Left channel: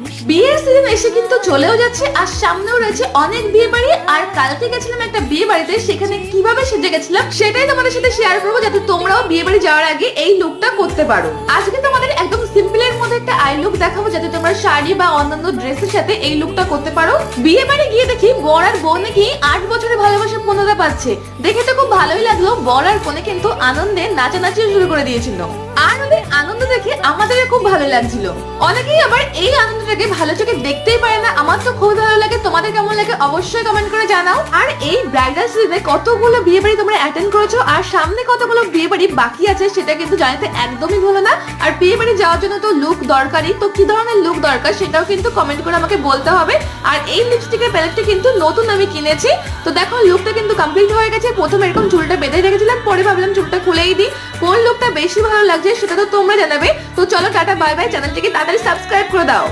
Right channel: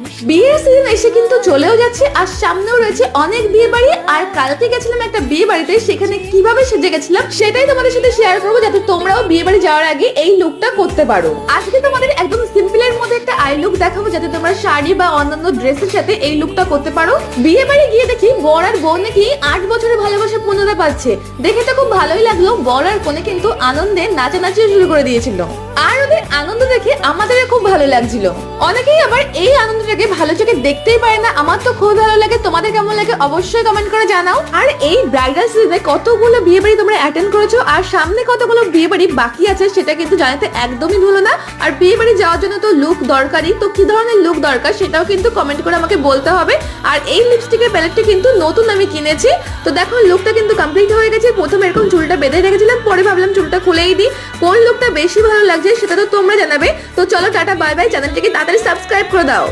বিয়ের সিজন এসে কিন্তু চলেও যাচ্ছে আর সামনেও রয়েছে অনেক বিয়ে বাড়ি। আর কালকে গেছিলাম একটা বিয়ে বাড়িতে, সেখানে কিভাবে সেজে গেছিলাম সেটাই তোমাদের সাথে শেয়ার করবো, যাতে তোমরাও বিয়ে বাড়ি যাওয়ার আগে এই লুকটা করতে পারো। আজকে তোমাদের একদম সিম্পল এর মধ্যে একটা আই লুক দেখাবো, যাতে তোমরা শাড়ি বা অন্যান্য ড্রেসের সাথে এই লুকটা করতে পারো। বিয়ে বাড়ি গিয়ে দেখি বর আর বউ নাকি 8 বছরের ভালোবাসা পূর্ণতা পাচ্ছে। দেখে তো খুব ভালোই লাগলো। বর আর কনে কিন্তু আনন্দে নাচানাচি শুরু করে দিয়েছিল, আর ওদের আনন্দ দেখে আমাদের খুব ভালো লাগছিল। অনেকেই আবার এই আনন্দটাকে ভালো চোখে দেখতেই পারে না। আমার তো খুব ভালো লাগে। তোমাদের কেমন লাগে অবশ্যই কমেন্ট করে জানাও। আর এই ব্রাইডাল সিজনে কতগুলো বিয়ে বাড়ি তোমরা অ্যাটেন্ড করেছো আর সামনে কতগুলো বিয়ে বাড়ি বাকি আছে সেটা কিন্তু জানাতে একদমই ভুলো না। আর বিয়ে বাড়ি যাওয়ার জন্য তো লুক দরকারি, তো কি ধরনের লুক দরকার সেটাও কিন্তু কমেন্ট করে আমাকে বলতে হবে। আর এই লিপস্টিকের প্যালেটটা কিন্তু নতুন আমি কিনেছি। তো দেখো লুকটা কিন্তু কমপ্লিট হয়ে গেছে। প্রথমে এরকম চুলটা বেঁধে রেখেছিলাম, পরে ভাবলাম চুলটা খুলেই দিই। কোন লুকটা বেশি ভালো লাগছে সেটা তো তোমরা জানাবে। তো চলো টাটা বাই বাই, চ্যানেলটিকে তাড়াতাড়ি সাবস্ক্রাইব করে দাও।